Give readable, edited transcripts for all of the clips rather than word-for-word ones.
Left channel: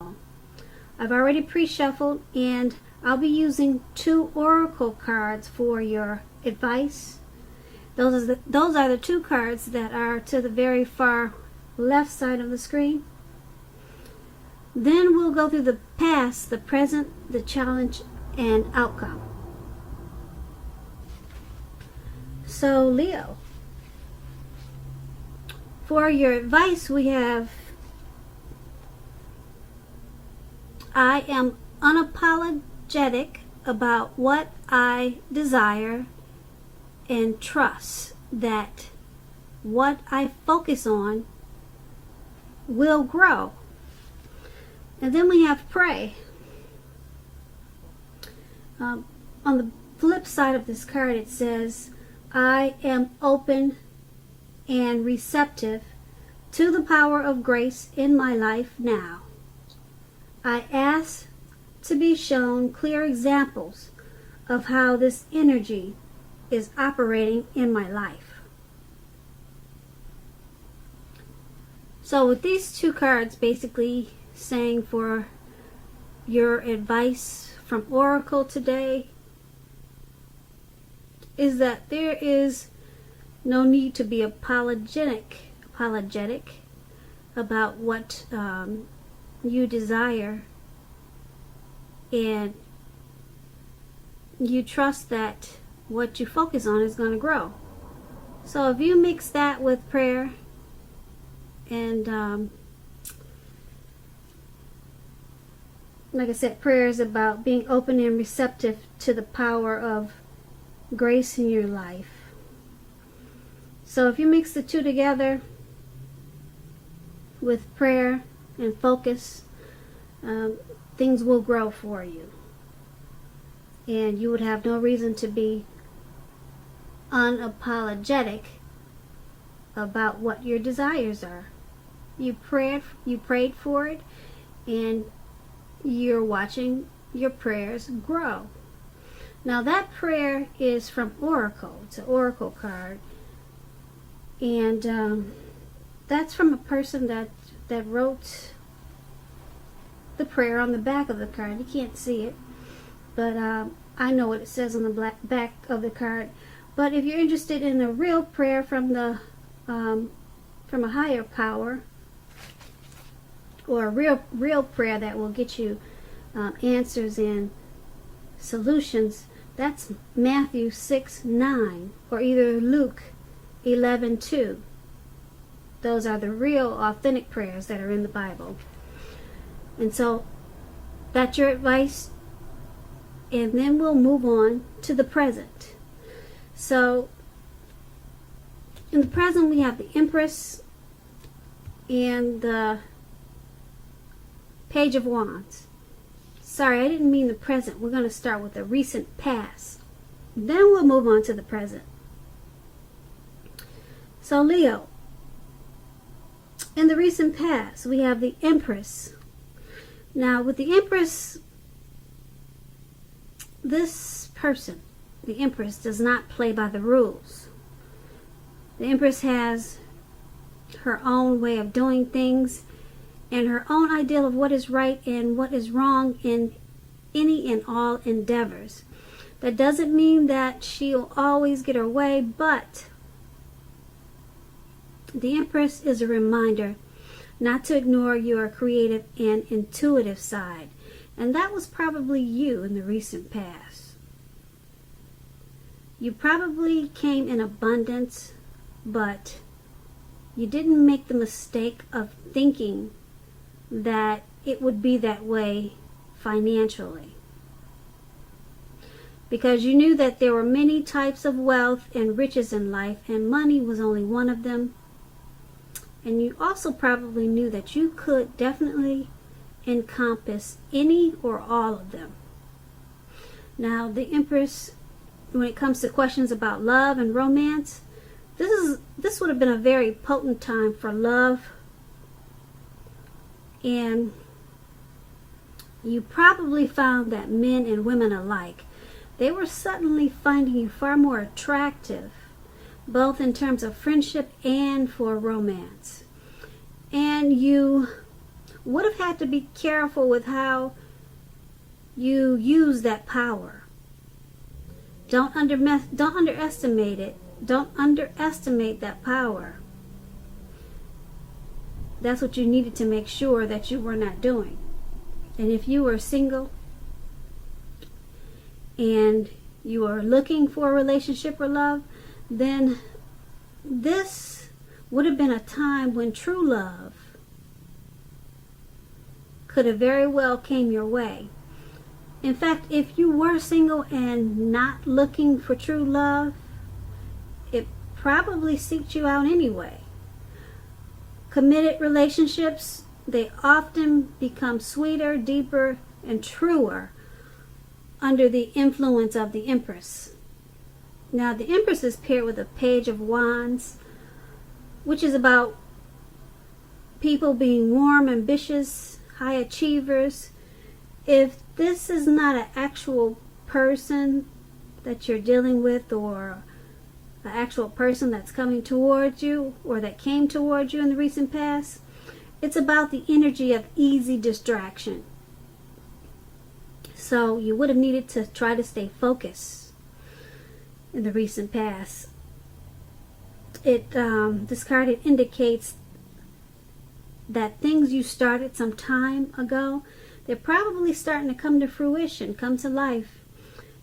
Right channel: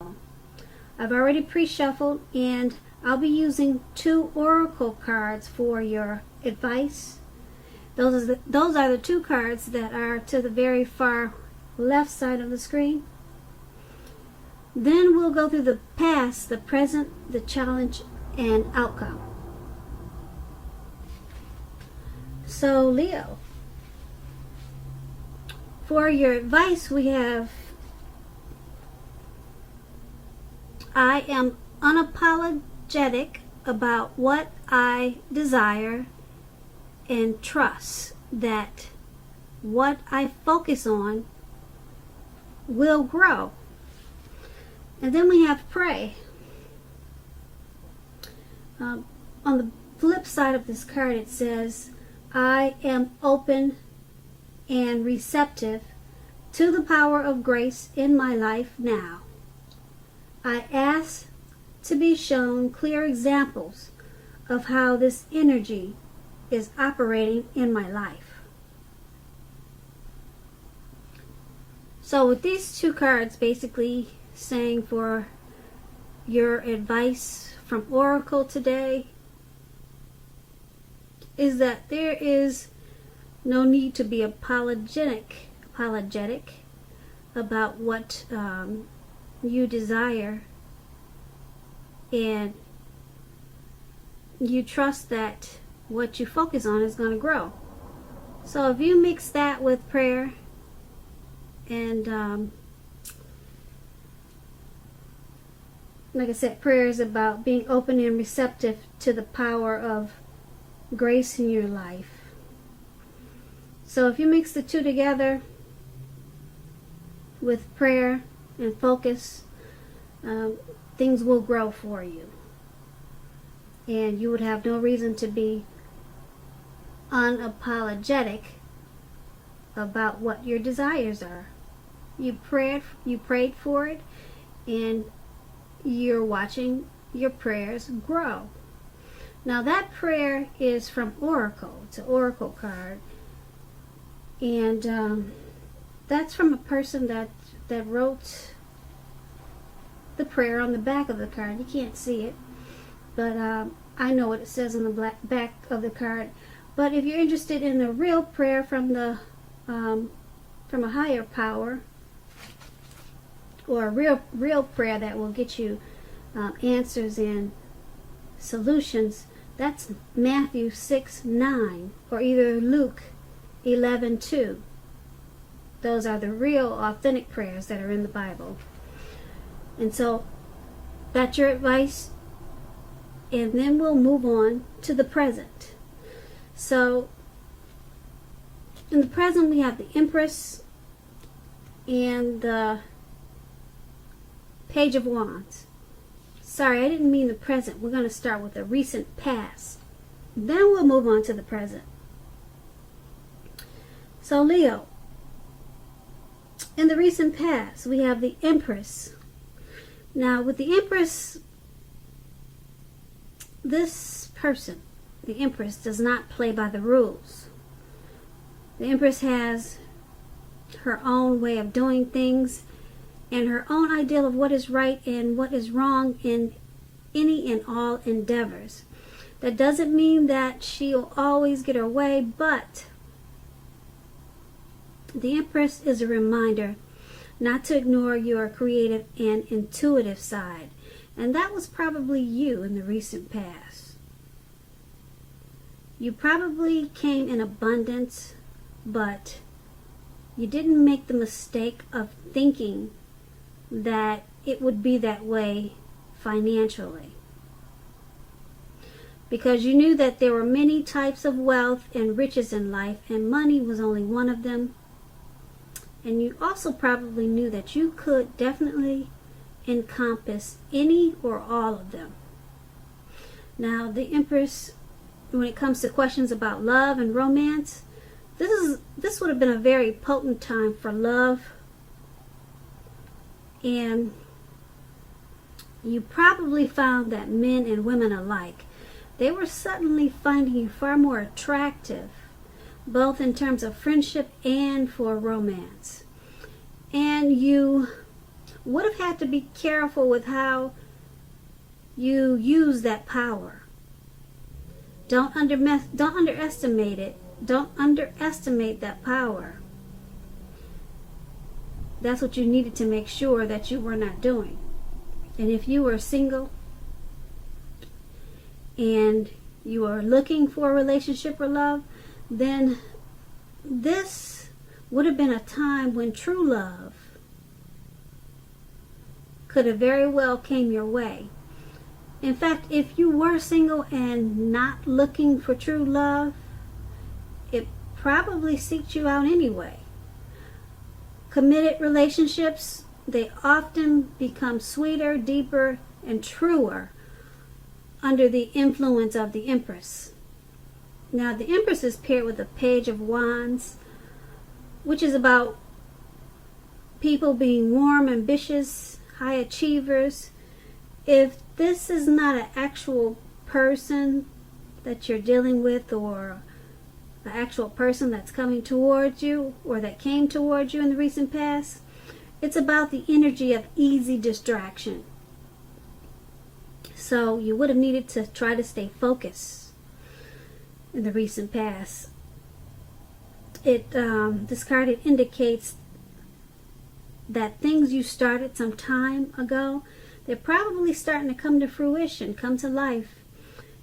I've already pre-shuffled, and I'll be using 2 oracle cards for your advice. Those are the 2 cards that are to the very far left side of the screen. Then we'll go through the past, the present, the challenge, and outcome. So, Leo, for your advice, we have, I am unapologetic about what I desire and trust that what I focus on will grow. And then we have pray. On the flip side of this card, it says, I am open and receptive to the power of grace in my life now. I ask to be shown clear examples of how this energy is operating in my life. So with these 2 cards basically saying for your advice from Oracle today is that there is no need to be apologetic about what you desire, and you trust that what you focus on is going to grow. So if you mix that with prayer and like I said, prayer is about being open and receptive to the power of grace in your life. So if you mix the 2 together with prayer and focus, things will grow for you. And you would have no reason to be unapologetic about what your desires are. You prayed for it, and you're watching your prayers grow. Now that prayer is from Oracle. It's an Oracle card. And that's from a person that wrote the prayer on the back of the card. You can't see it, but I know what it says on the back of the card. But if you're interested in a real prayer from a higher power, or a real prayer that will get you answers and solutions, that's Matthew 6:9, or either Luke 11:2. Those are the real authentic prayers that are in the Bible. And so that's your advice, and then we'll move on to the present. So in the present, we have the Empress and the Page of Wands. Sorry, I didn't mean the present. We're going to start with the recent past. Then we'll move on to the present. So Leo, in the recent past, we have the Empress. Now with the Empress, this person, the Empress, does not play by the rules. The Empress has her own way of doing things and her own ideal of what is right and what is wrong in any and all endeavors. That doesn't mean that she'll always get her way, but the Empress is a reminder not to ignore your creative and intuitive side. And that was probably you in the recent past. You probably came in abundance, but you didn't make the mistake of thinking that it would be that way financially. Because you knew that there were many types of wealth and riches in life, and money was only one of them. And you also probably knew that you could definitely encompass any or all of them. Now, the Empress, when it comes to questions about love and romance, this would have been a very potent time for love. And you probably found that men and women alike, they were suddenly finding you far more attractive, both in terms of friendship and for romance. And you would have had to be careful with how you use that power. Don't underestimate it. Don't underestimate that power. That's what you needed to make sure that you were not doing. And if you were single and you are looking for a relationship or love, then this would have been a time when true love could have very well came your way. In fact, if you were single and not looking for true love, it probably seeked you out anyway. Committed relationships, they often become sweeter, deeper, and truer under the influence of the Empress. Now, the Empress is paired with a Page of Wands, which is about people being warm, ambitious, high achievers. If this is not an actual person that you're dealing with, or an actual person that's coming towards you, or that came towards you in the recent past, it's about the energy of easy distraction. So you would have needed to try to stay focused in the recent past. This card indicates that things you started some time ago, they're probably starting to come to fruition, come to life.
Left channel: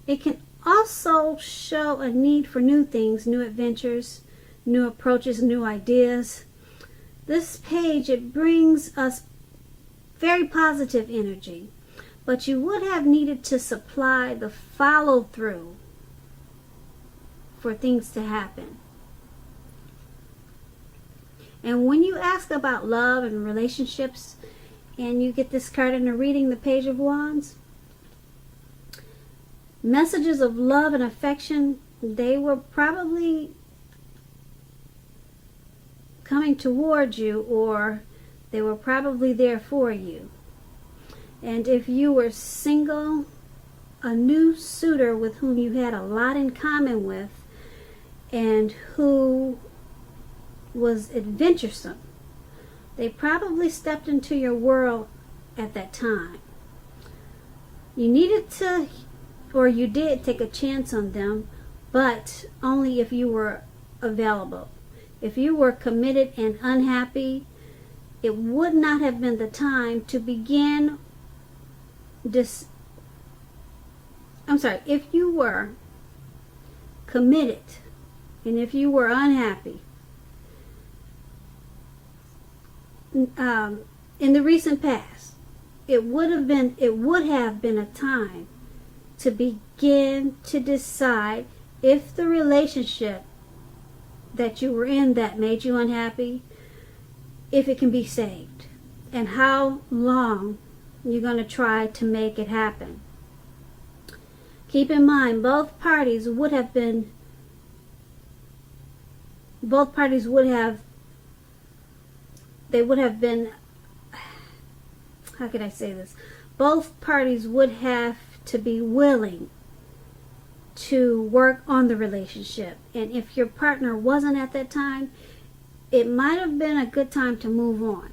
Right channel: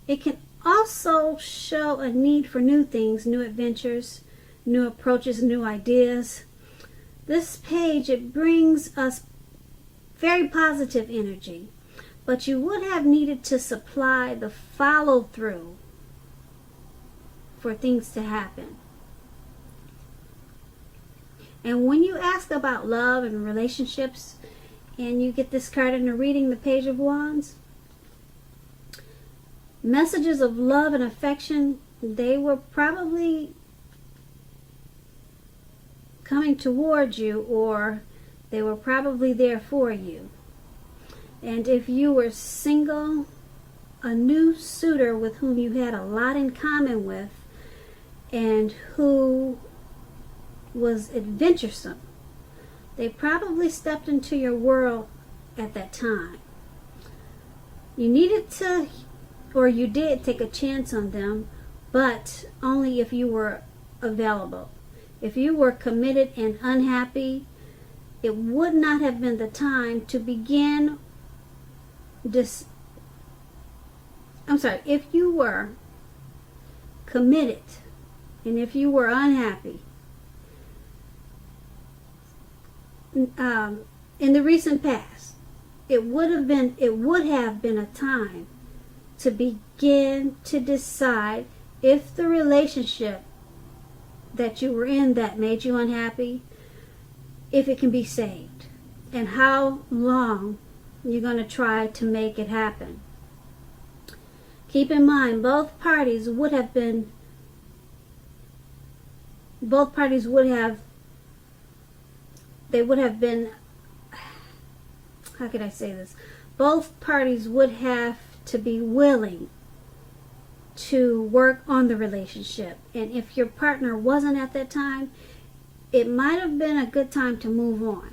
It can also show a need for new things, new adventures, new approaches, new ideas. This page, it brings us very positive energy, but you would have needed to supply the follow-through for things to happen. And when you ask about love and relationships, and you get this card in a reading, the Page of Wands, messages of love and affection, they were probably coming towards you, or they were probably there for you. And if you were single, a new suitor with whom you had a lot in common with, and who was adventuresome, they probably stepped into your world at that time. You needed to, or you did take a chance on them, but only if you were available. If you were committed and unhappy, it would not have been the time to begin this. If you were committed and if you were unhappy, in the recent past, it would have been a time to begin to decide if the relationship that you were in that made you unhappy, if it can be saved, and how long you're going to try to make it happen. Keep in mind, both parties would have been, how could I say this? Both parties would have to be willing to work on the relationship. And if your partner wasn't at that time, it might have been a good time to move on.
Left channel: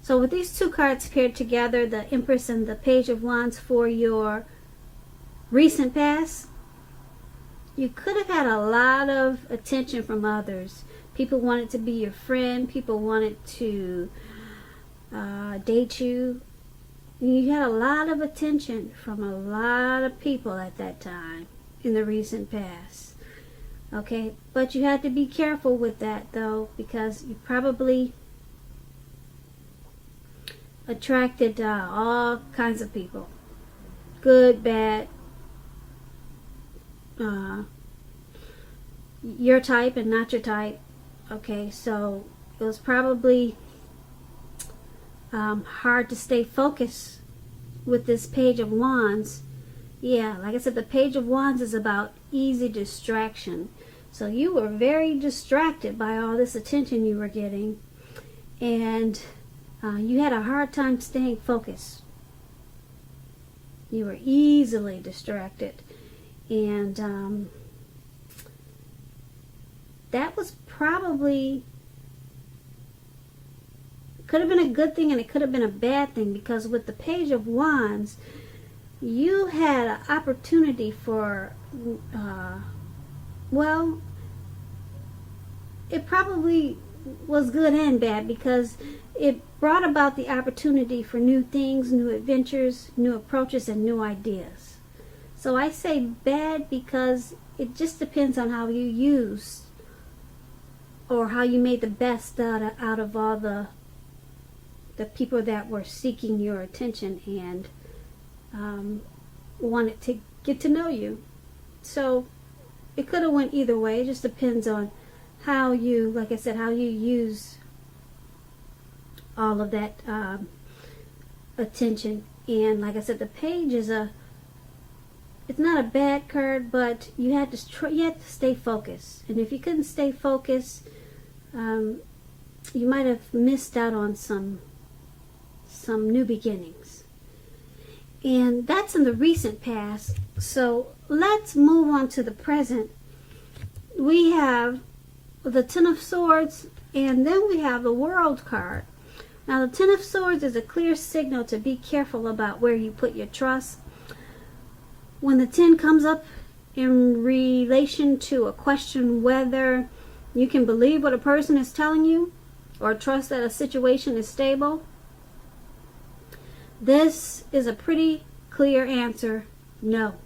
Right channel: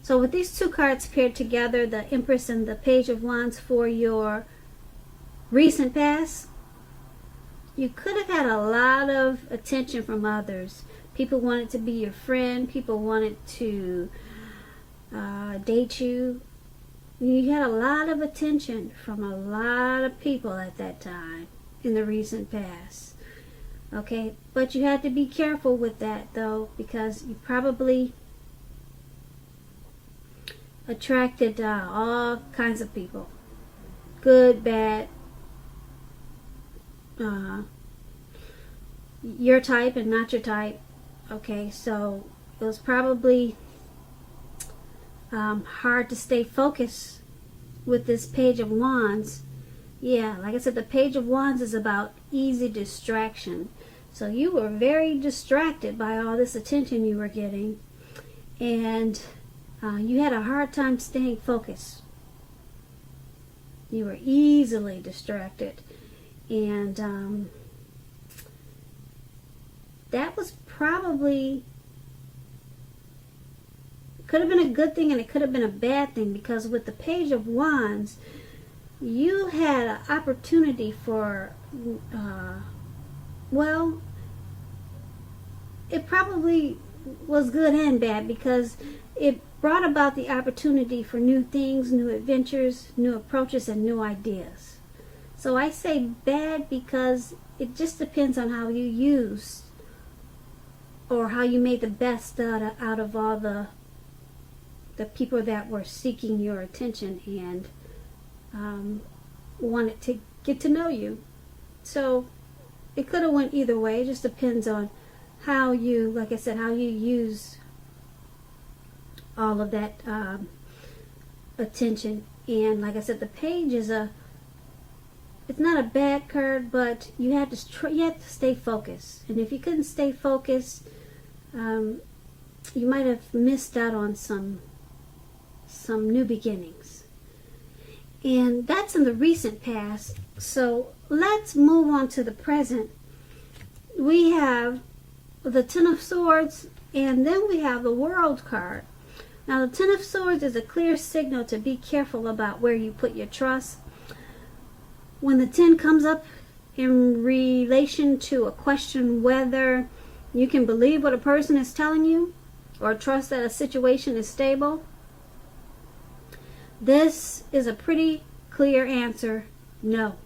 So with these two cards paired together, the Empress and the Page of Wands for your recent past, you could have had a lot of attention from others. People wanted to be your friend. People wanted to date you. You had a lot of attention from a lot of people at that time in the recent past. Okay, but you have to be careful with that, though, because you probably attracted all kinds of people. Good, bad, your type and not your type. Okay, so it was probably hard to stay focused with this Page of Wands. Yeah, like I said, the Page of Wands is about easy distraction. So you were very distracted by all this attention you were getting, and you had a hard time staying focused. You were easily distracted, and that was probably Could have been a good thing and it could have been a bad thing, because with the Page of Wands, you had an opportunity for, well, it probably was good and bad, because it brought about the opportunity for new things, new adventures, new approaches, and new ideas. So I say bad because it just depends on how you use, or how you made the best out of all the people that were seeking your attention and wanted to get to know you. So it could have went either way. It just depends on how you, like I said, how you use all of that attention. And like I said, the Page is it's not a bad card, but you had to stay focused. And if you couldn't stay focused, you might have missed out on some new beginnings. And that's in the recent past. So let's move on to the present. We have the Ten of Swords, and then we have the World card. Now the Ten of Swords is a clear signal to be careful about where you put your trust. When the 10 comes up in relation to a question whether you can believe what a person is telling you or trust that a situation is stable, this is a pretty clear answer: no.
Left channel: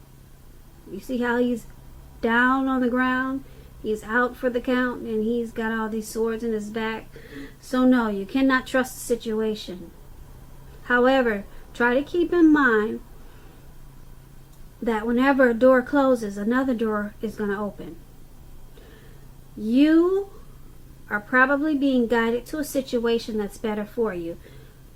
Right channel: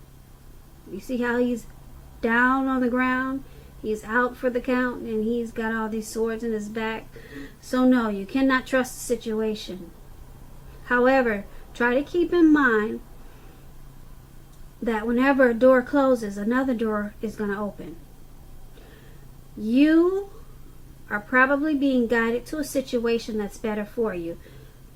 You see how he's down on the ground? He's out for the count, and he's got all these swords in his back. So no, you cannot trust the situation. However, try to keep in mind that whenever a door closes, another door is going to open. You are probably being guided to a situation that's better for you.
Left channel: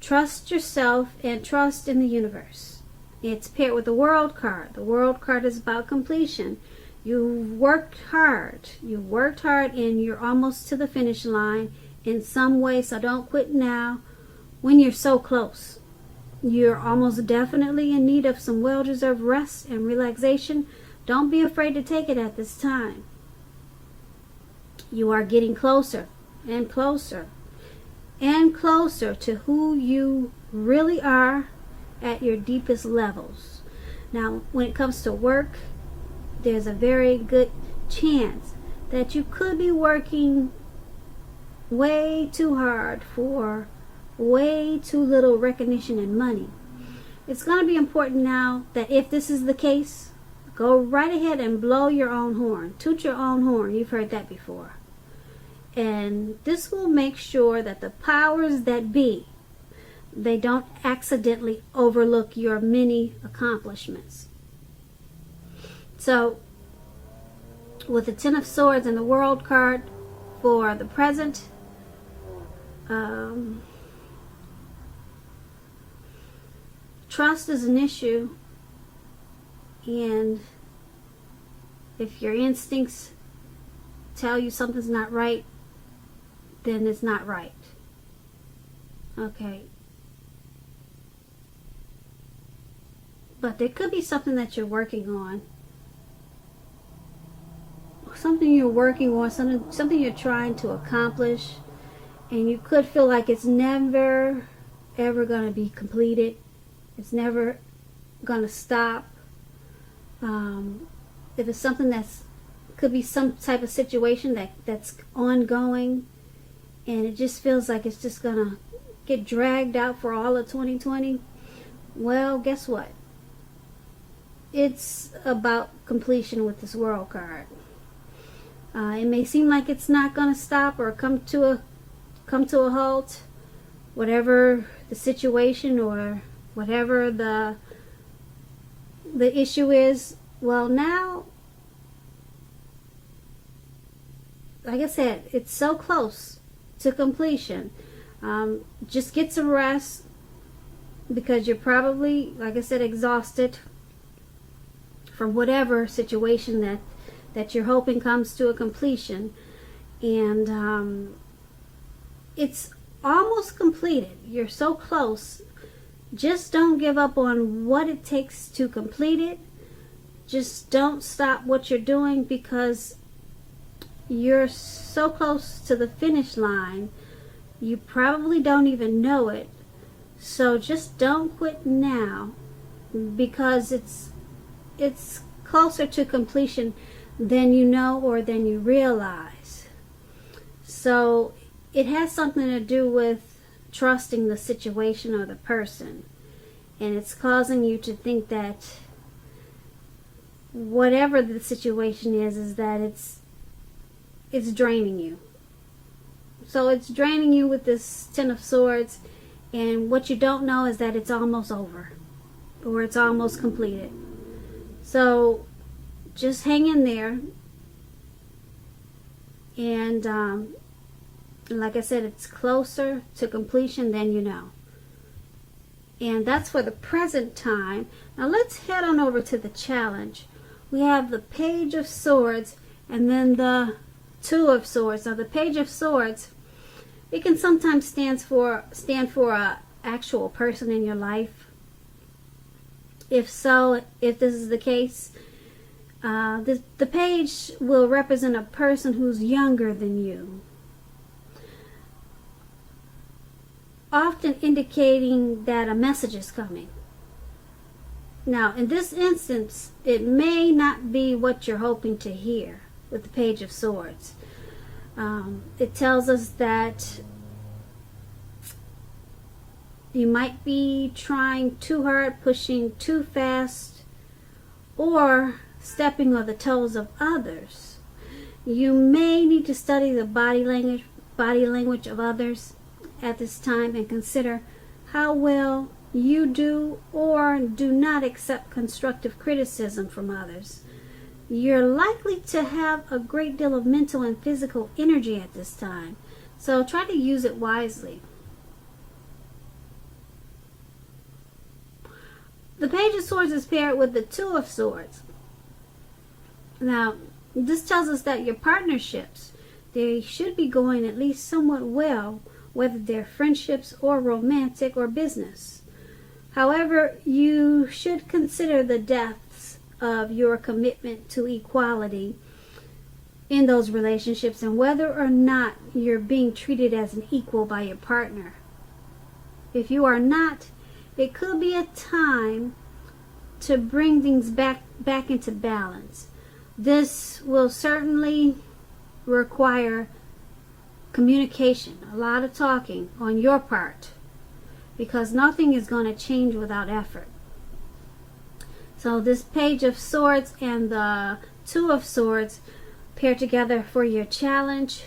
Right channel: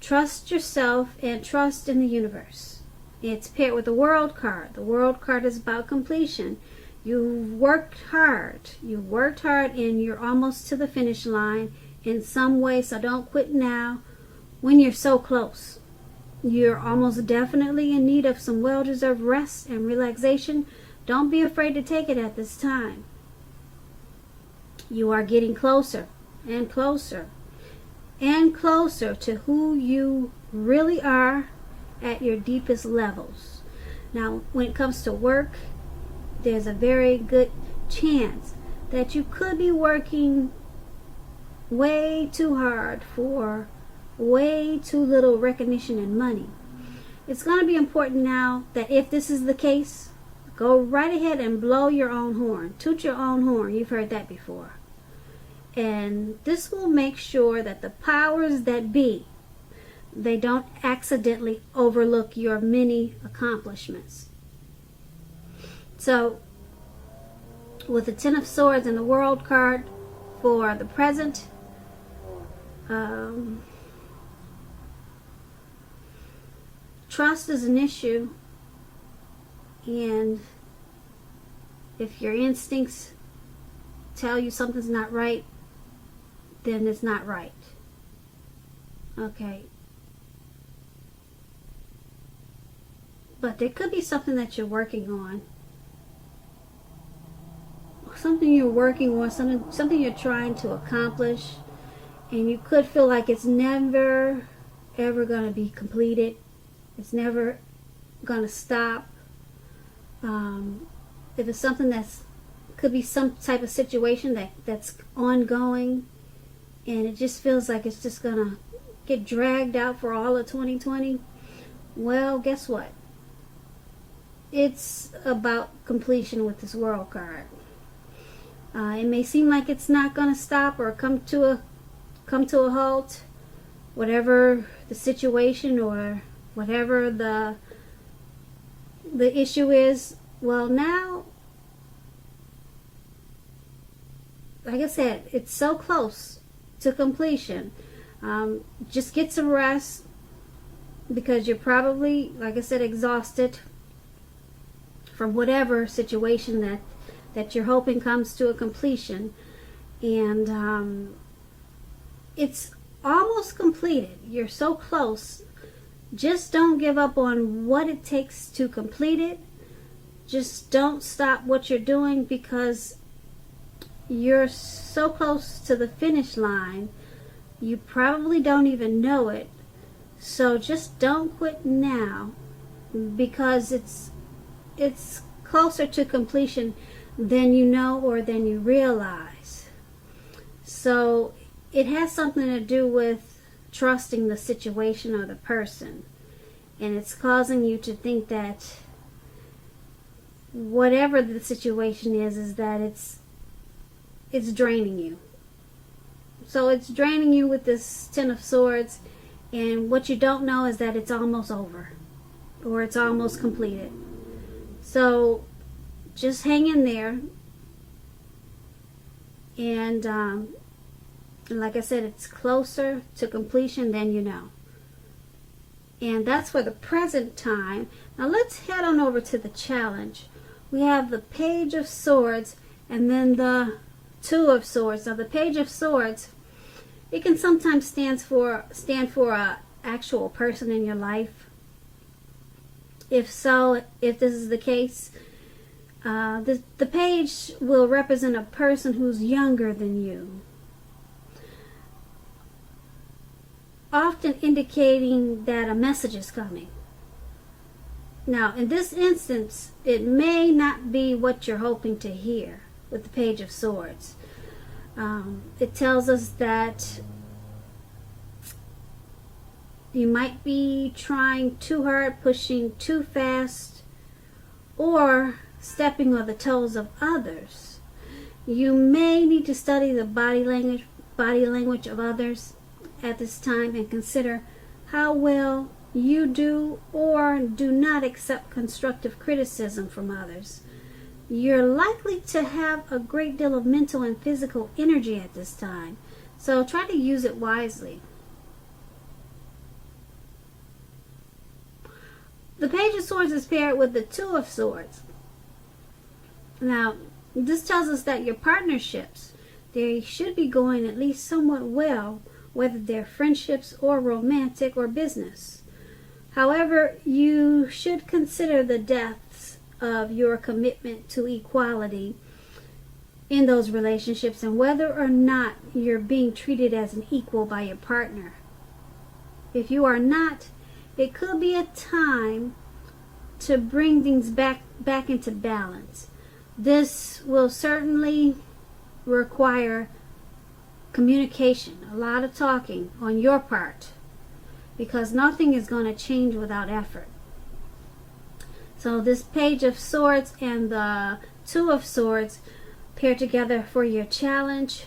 Trust yourself and trust in the universe. It's paired with the World card. The World card is about completion. You worked hard. You worked hard, and you're almost to the finish line in some way, so don't quit now when you're so close. You're almost definitely in need of some well-deserved rest and relaxation. Don't be afraid to take it at this time. You are getting closer and closer and closer to who you really are at your deepest levels. Now, when it comes to work, there's a very good chance that you could be working way too hard for way too little recognition and money. It's going to be important now that if this is the case, go right ahead and blow your own horn. Toot your own horn. You've heard that before. And this will make sure that the powers that be, they don't accidentally overlook your many accomplishments. So, with the Ten of Swords and the World card for the present, trust is an issue, and if your instincts tell you something's not right, then it's not right. Okay. But there could be something that you're working on. Something you're working on, something you're trying to accomplish, and you could feel like it's never ever going to be completed. It's never going to stop. If it's something could be some type of situation that's ongoing, and it just feels like it's just going to get dragged out for all of 2020, well, guess what? It's about completion with this World card. It may seem like it's not going to stop or come to a halt, whatever the situation or whatever the issue is. Well, now, like I said, it's so close to completion. Just get some rest, because you're probably, like I said, exhausted from whatever situation that you're hoping comes to a completion. And it's almost completed. You're so close. Just don't give up on what it takes to complete it. Just don't stop what you're doing, because you're so close to the finish line You probably don't even know it. So just don't quit now, because it's closer to completion than you know or than you realize. So it has something to do with trusting the situation or the person. And it's causing you to think that whatever the situation is that it's draining you. So it's draining you with this Ten of Swords, and what you don't know is that it's almost over, or it's almost completed. So just hang in there, and like I said, it's closer to completion than you know. And that's for the present time. Now let's head on over to the challenge. We have the Page of Swords and then the Two of Swords. Now the Page of Swords, it can sometimes stand for a actual person in your life. If this is the case, the page will represent a person who's younger than you, often indicating that a message is coming. Now, in this instance, it may not be what you're hoping to hear with the Page of Swords. It tells us that you might be trying too hard, pushing too fast, or stepping on the toes of others. You may need to study the body language of others at this time and consider how well you do or do not accept constructive criticism from others. You're likely to have a great deal of mental and physical energy at this time, so try to use it wisely. The Page of Swords is paired with the Two of Swords. Now, this tells us that your partnerships, they should be going at least somewhat well, whether they're friendships or romantic or business. However, you should consider the depths of your commitment to equality in those relationships and whether or not you're being treated as an equal by your partner. If you are not, it could be a time to bring things back into balance. This will certainly require communication, a lot of talking on your part, because nothing is going to change without effort. So this Page of Swords and the Two of Swords pair together for your challenge.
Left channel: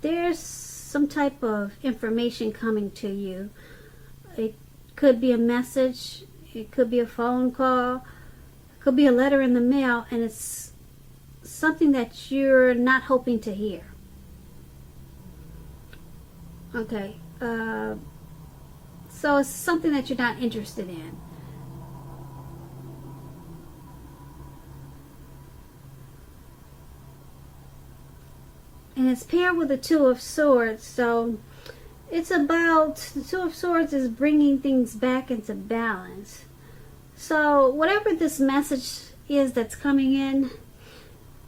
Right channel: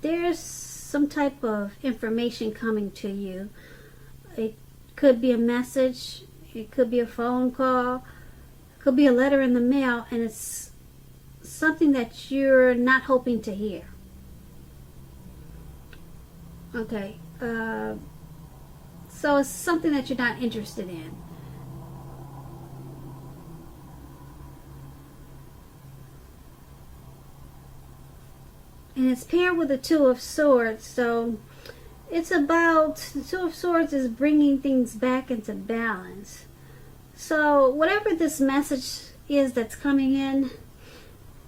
There's some type of information coming to you. It could be a message, it could be a phone call, it could be a letter in the mail, and it's something that you're not hoping to hear. Okay, so it's something that you're not interested in. And it's paired with the Two of Swords, so it's about, the Two of Swords is bringing things back into balance. So whatever this message is that's coming in,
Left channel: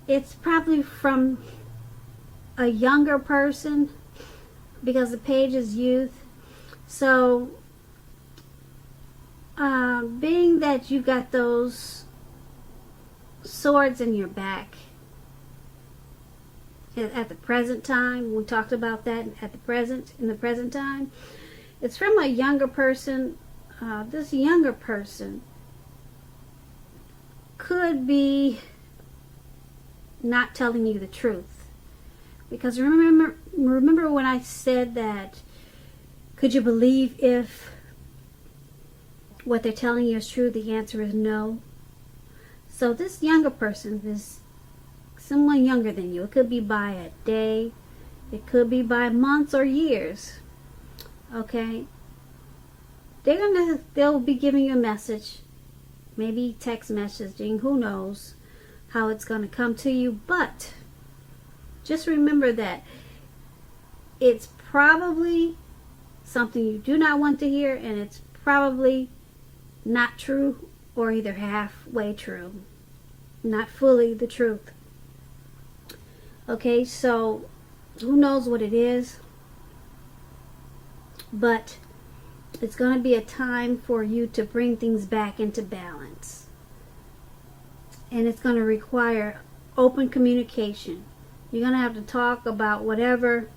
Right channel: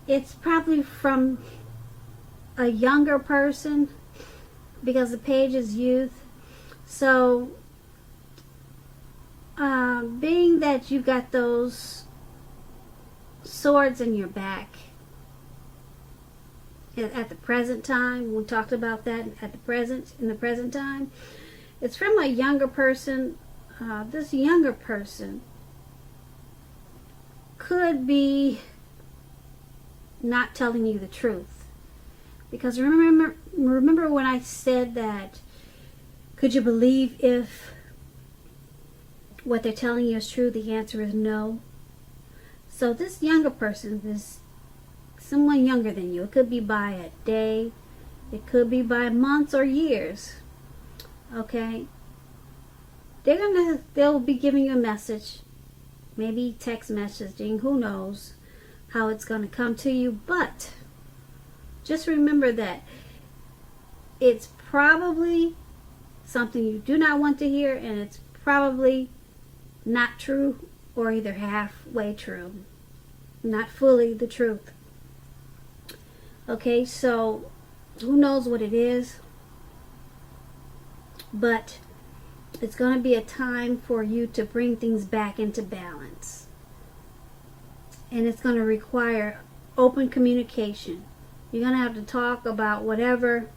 it's probably from a younger person, because the page is youth. So being that you got those swords in your back at the present time, we talked about that in the present time, it's from a younger person. This younger person could be not telling you the truth, because remember when I said that, could you believe if what they're telling you is true? The answer is no. So this younger person is someone younger than you. It could be by a day, it could be by months or years. Okay, they'll be giving you a message, maybe text messaging, who knows how it's going to come to you, but just remember that it's probably something you do not want to hear, and it's probably not true, or either halfway true, not fully the truth. Okay, so who knows what it is? but it's going to be a time for you to bring things back into balance. And it's going to require open communication. You're going to have to talk about whatever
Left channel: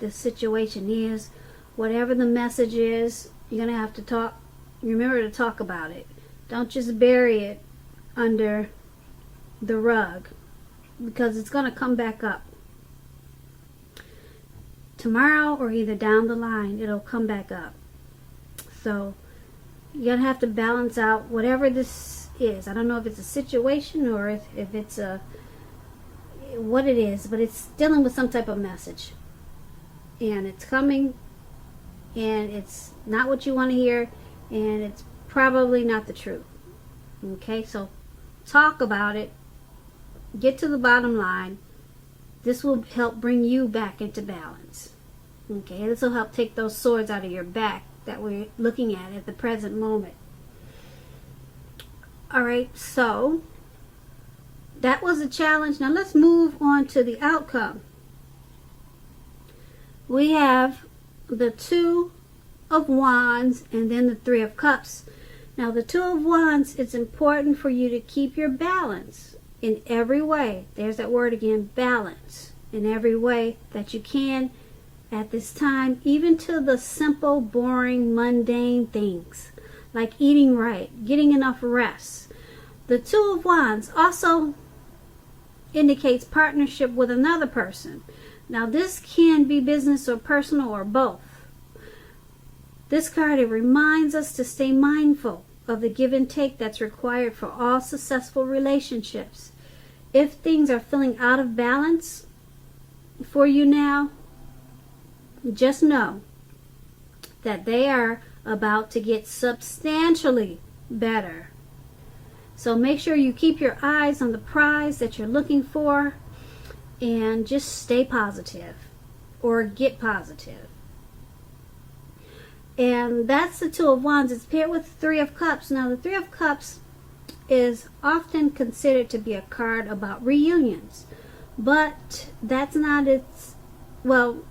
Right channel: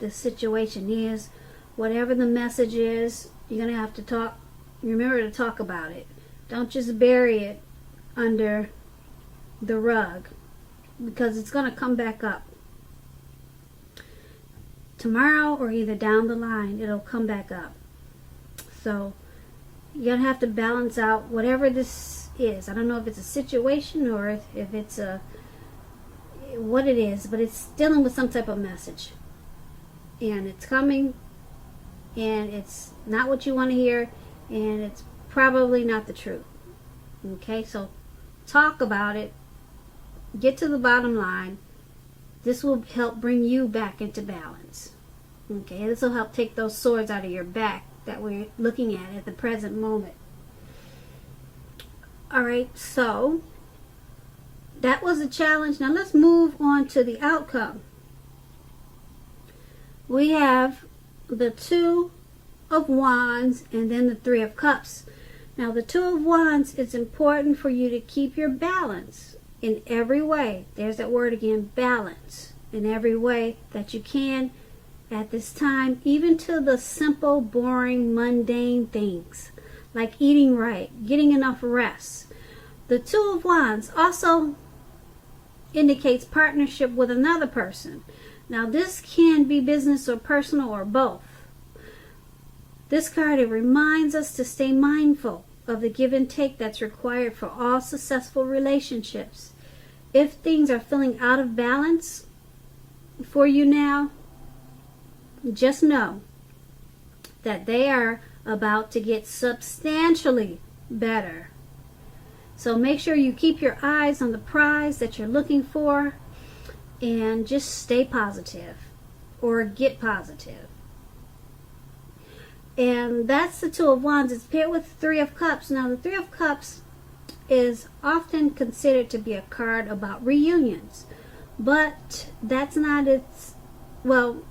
the situation is, whatever the message is. You're going to have to talk. Remember to talk about it. Don't just bury it under the rug, because it's going to come back up. Tomorrow or either down the line, it'll come back up. So you're going to have to balance out whatever this is. I don't know if it's a situation or if it's what it is, but it's dealing with some type of message. And it's coming, and it's not what you want to hear, and it's probably not the truth. Okay, so talk about it. Get to the bottom line. This will help bring you back into balance. Okay, this will help take those swords out of your back that we're looking at the present moment. Alright, so that was a challenge. Now let's move on to the outcome. We have the Two of Wands and then the Three of Cups. Now the Two of Wands, it's important for you to keep your balance in every way. There's that word again, balance, in every way that you can at this time, even to the simple, boring, mundane things like eating right, getting enough rest. The Two of Wands also indicates partnership with another person. Now this can be business or personal or both. This card, it reminds us to stay mindful of the give and take that's required for all successful relationships. If things are feeling out of balance for you now, just know that they are about to get substantially better. So make sure you keep your eyes on the prize that you're looking for and just stay positive or get positive. And that's the Two of Wands. It's paired with the Three of Cups. Now the Three of Cups is often considered to be a card about reunions, but that's not its, well,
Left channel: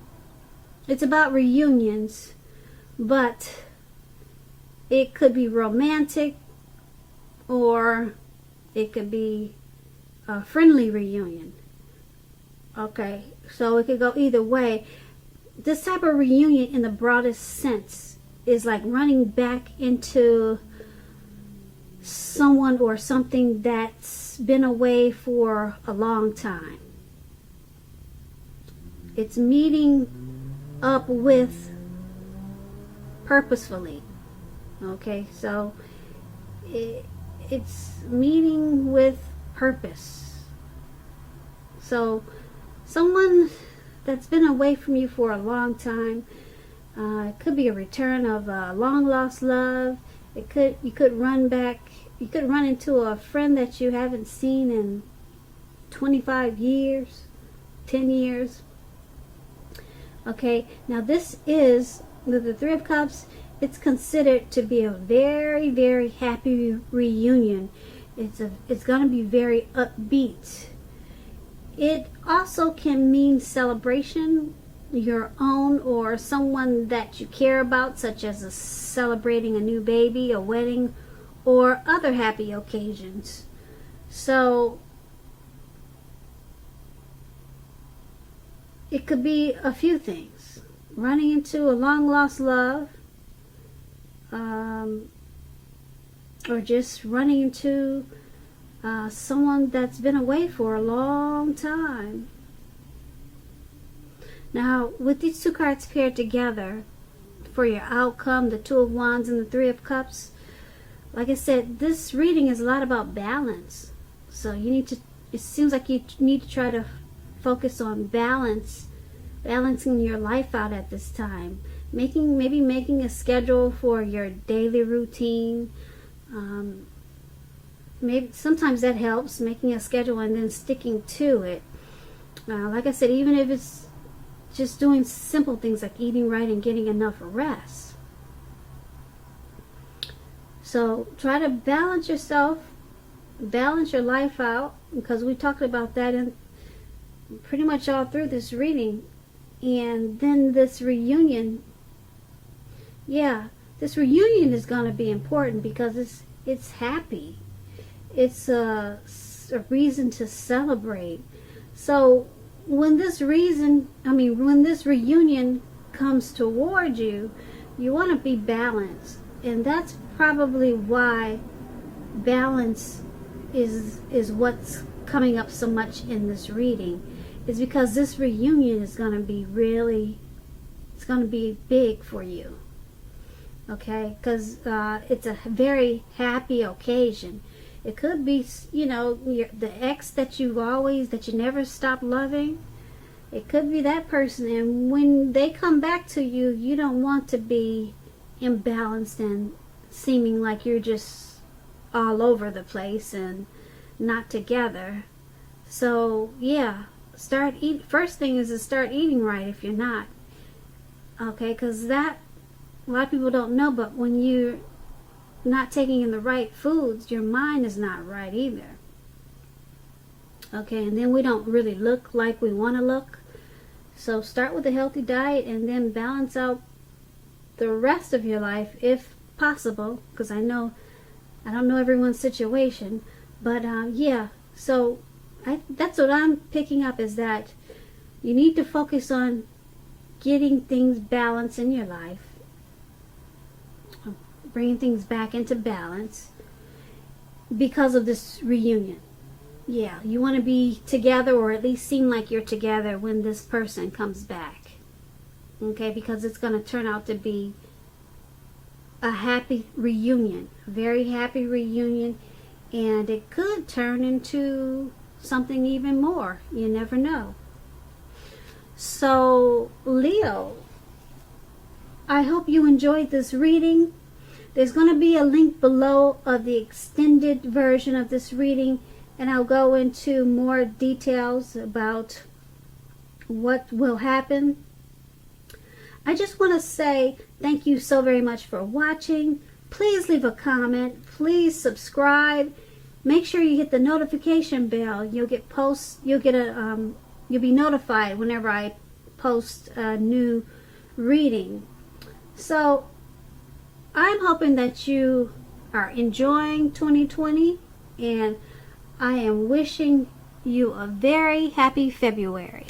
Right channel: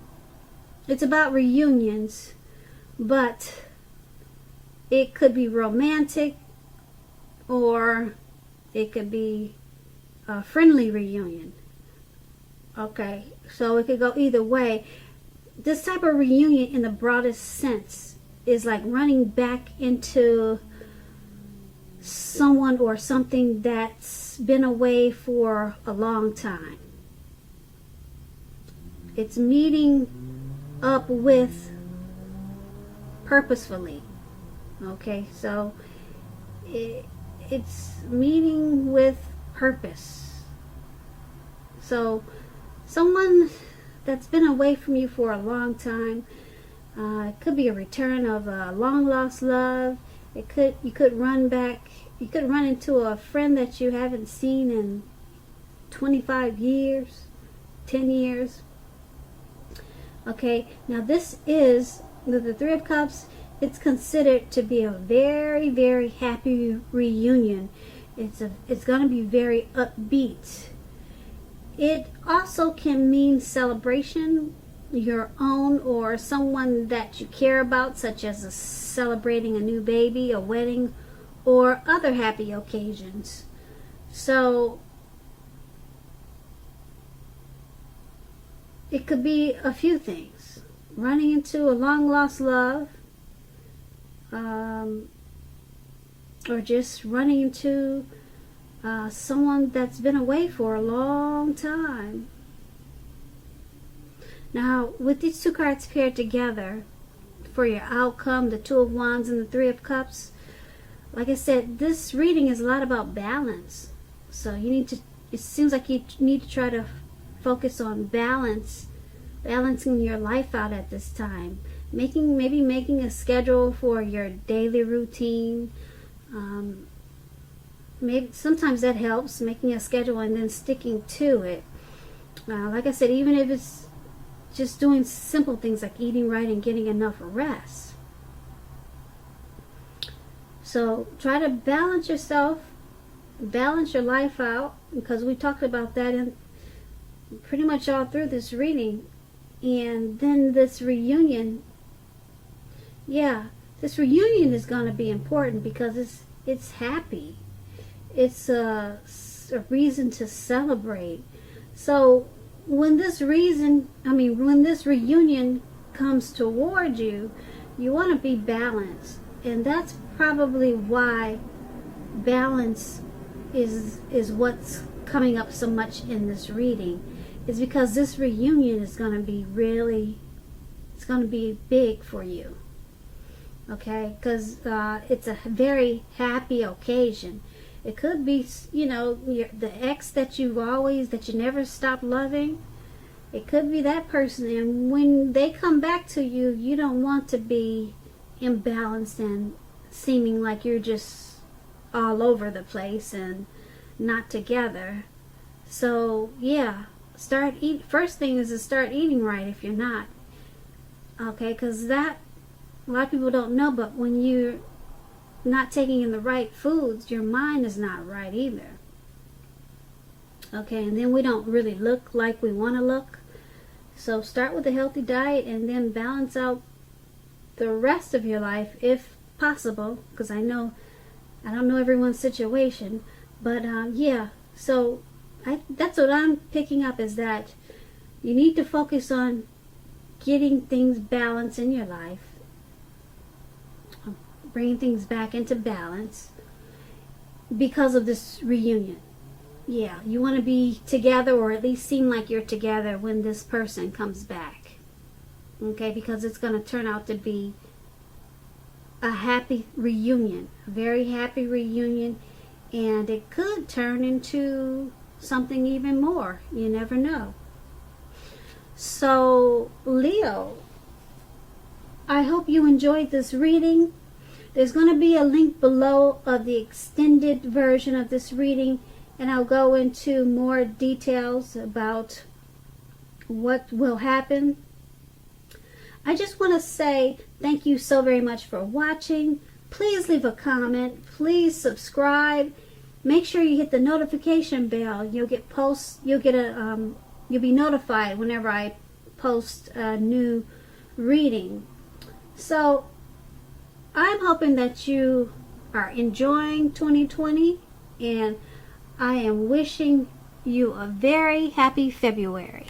it's about reunions, but it could be romantic or it could be a friendly reunion. Okay, so it could go either way. This type of reunion in the broadest sense is like running back into someone or something that's been away for a long time. It's meeting up with purposefully. Okay, so it's meeting with purpose. So someone that's been away from you for a long time, it could be a return of a long lost love. You could run into a friend that you haven't seen in 25 years, 10 years. Okay, now this is the Three of Cups. It's considered to be a very, very happy reunion. It's going to be very upbeat. It also can mean celebration, your own or someone that you care about, such as celebrating a new baby, a wedding, or other happy occasions. So it could be a few things. Running into a long lost love, or just running into someone that's been away for a long time. Now, with these two cards paired together for your outcome, the Two of Wands and the Three of Cups, like I said, this reading is a lot about balance. So you need to, it seems like you need to try to focus on balancing your life out at this time. Maybe making a schedule for your daily routine. Maybe sometimes that helps, making a schedule and then sticking to it. Like I said, even if it's just doing simple things like eating right and getting enough rest. So try to balance yourself, balance your life out, because we talked about that in pretty much all through this reading. And then this reunion yeah, this reunion is going to be important because it's happy. It's a reason to celebrate. So when this reunion comes toward you, you want to be balanced. And that's probably why balance is what's coming up so much in this reading, is because this reunion is going to be it's going to be big for you. Okay, because it's a very happy occasion. It could be, the ex that you never stop loving. It could be that person, and when they come back to you, you don't want to be imbalanced and seeming like you're just all over the place and not together. So yeah, first thing is to start eating right if you're not. Okay, because that, a lot of people don't know, but when you're not taking in the right foods, your mind is not right either. Okay, and then we don't really look like we want to look. So start with a healthy diet and then balance out the rest of your life if possible, because I don't know everyone's situation, but yeah, so that's what I'm picking up, is that you need to focus on getting things balanced in your life, bringing things back into balance because of this reunion. Yeah, you want to be together, or at least seem like you're together when this person comes back. Okay, because it's going to turn out to be a happy reunion, a very happy reunion, and it could turn into something even more. You never know. So, Leo, I hope you enjoyed this reading. There's going to be a link below of the extended version of this reading, and I'll go into more details about what will happen. I just want to say thank you so very much for watching. Please leave a comment. Please subscribe. Make sure you hit the notification bell. You'll be notified whenever I post a new reading. So I'm hoping that you are enjoying 2020, and I am wishing you a very happy February.